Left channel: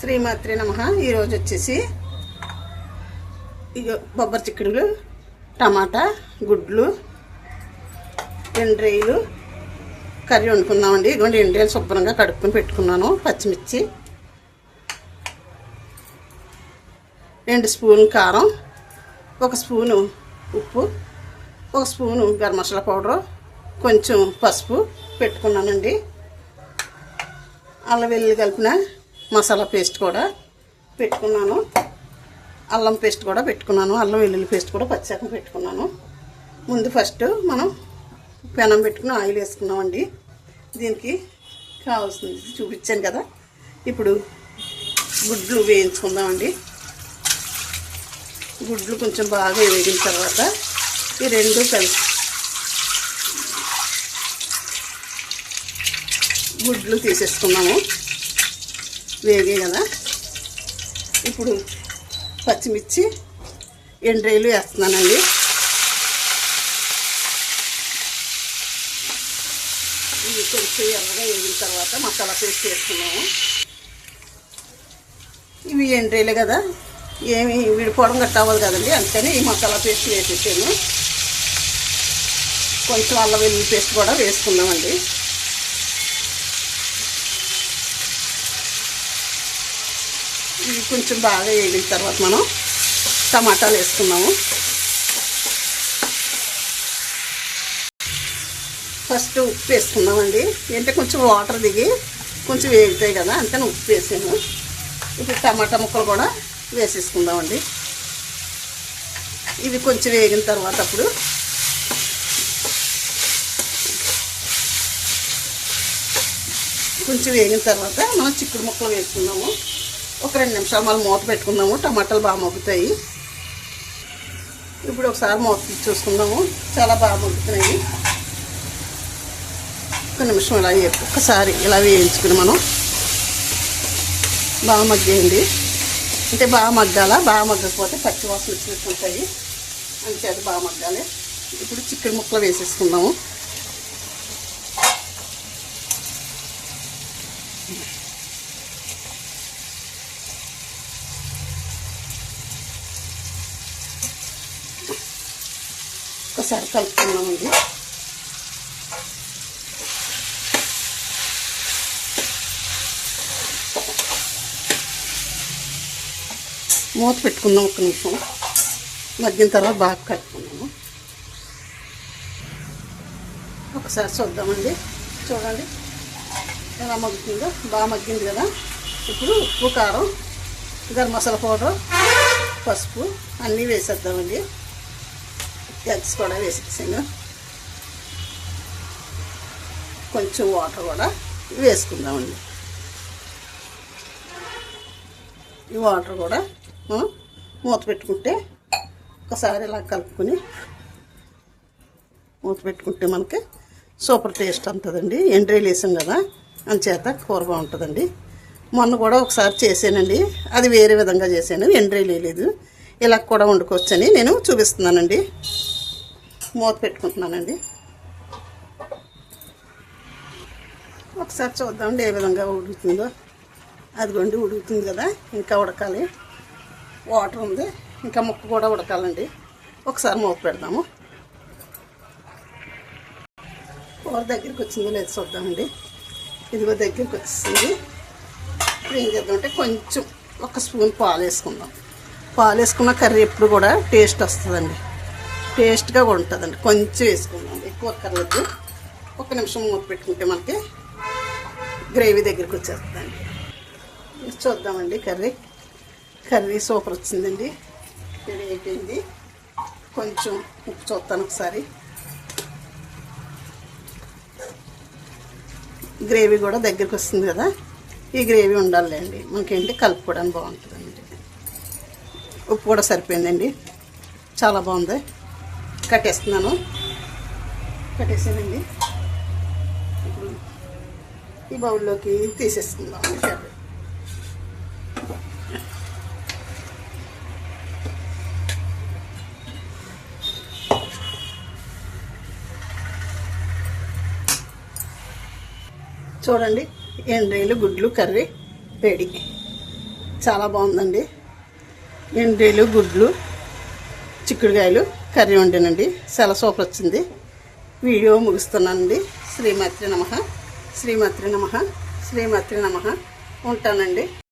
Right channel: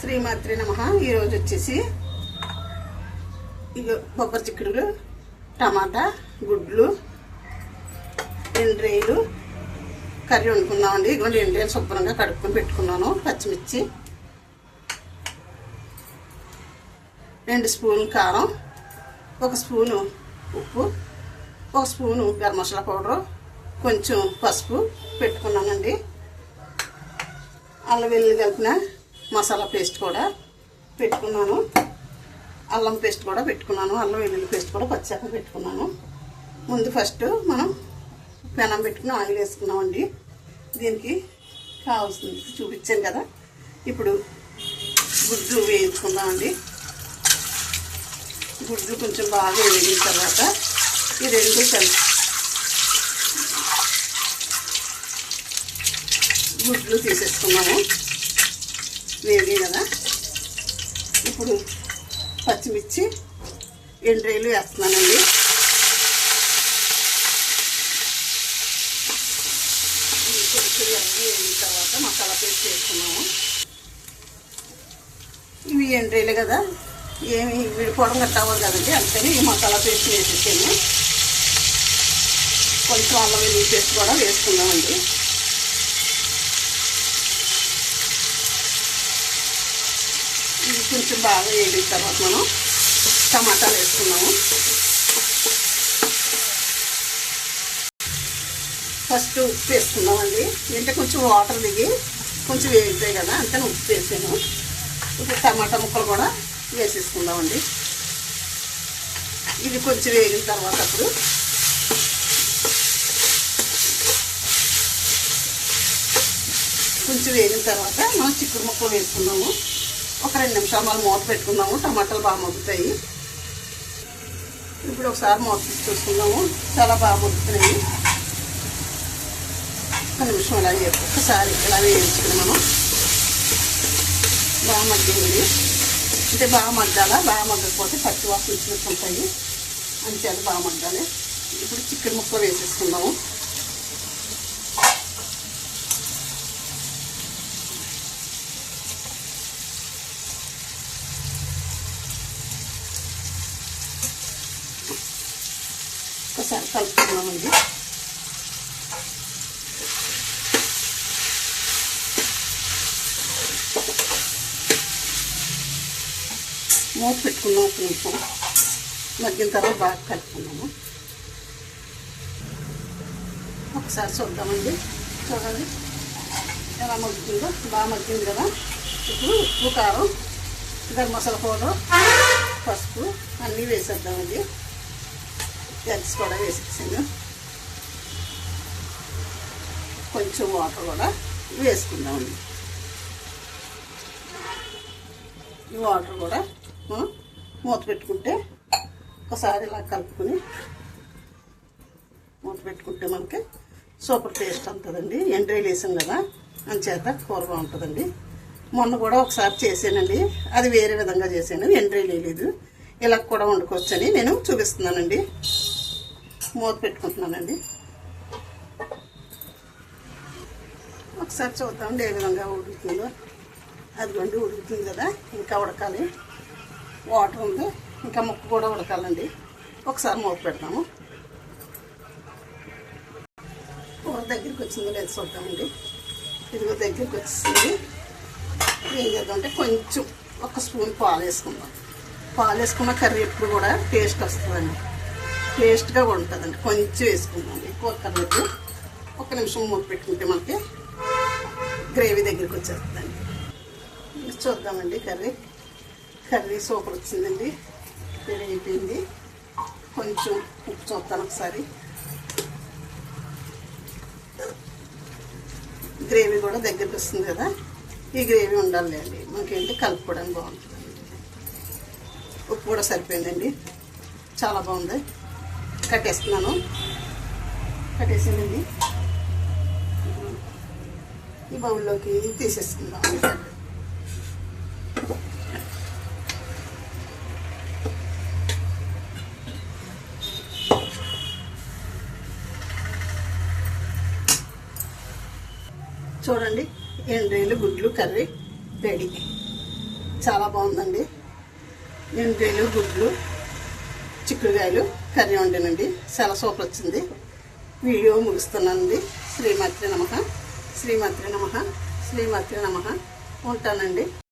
శ్రీమాత్రే నమః. ఈరోజు వచ్చేసి బొబ్బరి చిక్కుడులు, టమాటా, గుడ్లు, ఎండ్రేలు కర్రీ వండుకున్నామండి. ఇదిగోండి ఎండ్రేలు శుభ్రంగా కడుక్కొని పెట్టుకున్నాను. పచ్చిమిర్చి, 2 స్పూన్లు కారం, 1 స్పూను ఉప్పు, 1 స్పూను గరం మసాలా పౌడరు, కొంచెం పసుపు పెట్టుకున్నానండి. అల్లం వెల్లుల్లి కలిపిన మసాలా పేస్ట్ కూడా పెట్టుకున్నాను. అల్లం పేస్ట్ కూడా పెట్టుకున్నాను. అల్లం వెల్లుల్లి పేస్ట్ కూడా పచ్చిగా పెట్టుకున్నాను. ముందు ఫస్ట్ మనం పెనం పెట్టుకుని ఆయిల్ వేసుకున్నామండి. దీనికి కావాల్సింది చూపించాను కదా. ఇప్పుడు గుడ్లు వేయించుకుందామండి. గుడ్లు కొంచెం బాగా వేగిన తర్వాత ఈ రెండు కలిపి గుడ్లు తీసేసుకున్నాము. వేగే కదా. ఇప్పుడు పచ్చిమిర్చి, ఎండ్రేలు వేస్తున్నానండి. ఇది కొంచెం ఎర్రగా వేగిన తర్వాత మసాలా పేస్ట్ వేసుకున్నాము. ఇవి ఎండ్రేలే కదా, ఏమి విడిపోవడం గట్ట అవ్వదు కదండి. అందుకని ఈ మసాలా పేస్ట్ వేసేసాను. కొంచెం అల్లం వెల్లుల్లి పేస్ట్ కూడా వేసుకున్నామండి. ఇది కొంచెం బాగా వేగిన తర్వాత మనం టమాటాలు వేసుకున్నాము. ఫస్ట్ ఉప్పు వేసుకున్నామండి. అంటే కొంచెం వాటర్ దిగి కొంచెం వేగుతాయి కదా, అందుకని ఉప్పు వేసాను. ఇప్పుడు టమాటా ముక్కలు కూడా వేసేసుకుందామండి. ఇవి కొంచెం వేగిన తర్వాత అప్పుడు కొంచెం వేగిన తర్వాత మనం చిక్కుడు ముక్కలు వేసుకున్నాము. ఒక 2 నిమిషాలు మనం మూత పెట్టుకుందాము. టమాటాలు బాగా మగ్గుతాయి. ఇప్పుడు ఒకసారి మూత చూసుకుందాము. చాలా బాగా మగ్గుతున్నాయి. ఒక నిమిషం ఇలా ఒక్కసారి ఇలా వేయించుకుని మనం బాగా మగ్గింది. అంటే బాగా మగ్గాల, బాగా మగ్గకపోతే పచ్చి వాసన వచ్చినట్టుంటాయి. అందుచేత బాగా మగ్గాలి. ఇప్పుడు చికెన్ ముక్కలు వేసేసుకుందాము. ఒకసారి కలుపుకున్నామండి. మూత పెట్టుకుందాం. ఒక నిమిషం మగ్గిన తర్వాత బాగా కలుపుకున్నాము. ఒకసారి చూద్దామండి. చూడండి ఎలా మగ్గుతుందో. బాగా మగ్గింది కదా. ఇప్పుడు ఉప్పు, కారం, గరం మసాలా పౌడర్, పసుపు అన్నీ వేసేద్దామండి. ఎగ్స్ కూడా వేసేసాను. కొంచెం వాటర్ కూడా వేసుకుందామండి. ఈ వాటర్ కూడా మూత పెట్టుకుంటే ఒకసారి ఇలా కలుపుకొని మూత పెట్టుకుంటే మనకి సూపర్ టేస్ట్ ఉంటుందండి. ఎండ్రేలు వేసాం కదా, అంచేత కూర బాగుంటుందండి. మొన్న కూడా ఒకసారి చేసానండి. అది వేరే విధంగా చేశాను. ఎండ్రేలు వేయలేదు. ఇలా కూడా వండుకోవచ్చని నేను చూపిస్తున్నానండి. మూత పెట్టుకుంటున్నానండి. ఒకసారి చూద్దామండి ఏ విధంగా ఉడుకుతుందో. అదిగోండి ఉడుకుతుంది కదా, ఇంకా ఉడకాలి. వాటర్ ఉంది, ఇంకా ముక్క కూడా ఉడకాలండి. ఒకసారి మూత పెడతాము. కూర దగ్గరికి వచ్చిందో లేదు చూద్దామండి. ఇదిగో దగ్గరికి వచ్చింది. ఇప్పుడు ఏం చేద్దామంటే కొంచెం 1 స్పూన్ పాలు వేసుకుందాం. పాలు వేసుకున్న కర్రీ ఎప్పుడు కూడా టేస్ట్ వస్తుందండి. టేస్ట్గా కూడా ఉంటుందండి. కొంచెం వేసుకుందామండి. కూర కర్రీకి 1 నిమిషం మూత పెట్టుకుంటే మనకి గ్రేవీ దగ్గరికి వచ్చేస్తుందండి. చూద్దామండి. కర్రీ సూపర్ వచ్చిందండి. అయిపోయింది. కొంచెం ఉప్పు చూస్తాను ఒకసారి. గ్రేవీ కూడా దగ్గరికి వస్తుంది కదా. ఈ గ్రేవీ ఉండాలండి మనకేంటి కలుపుకోవడానికి బాగుంటుందండి. ఉప్పు కూడా సరిపోయిందండి. చాలా బాగుంది. కట్టేస్తున్నాను. కట్టేసానండి. ఈ బౌల్లోకి తీసేసుకుందాం. చూడండి ఎండ్రేలు గుడ్లు కర్రీ రెడీ. చాలా బాగుందండి. ఎండ్రీలు, గుడ్లు, చిక్కుడుకాయలు కర్రీ వండానండి. చాలా సూపర్ వచ్చింది. వీడియో ముగిస్తున్నానండి. శ్రీమాత్రే నమః, శ్రీమాత్రే నమః, శ్రీమాత్రే నమః. ఉంటానండి.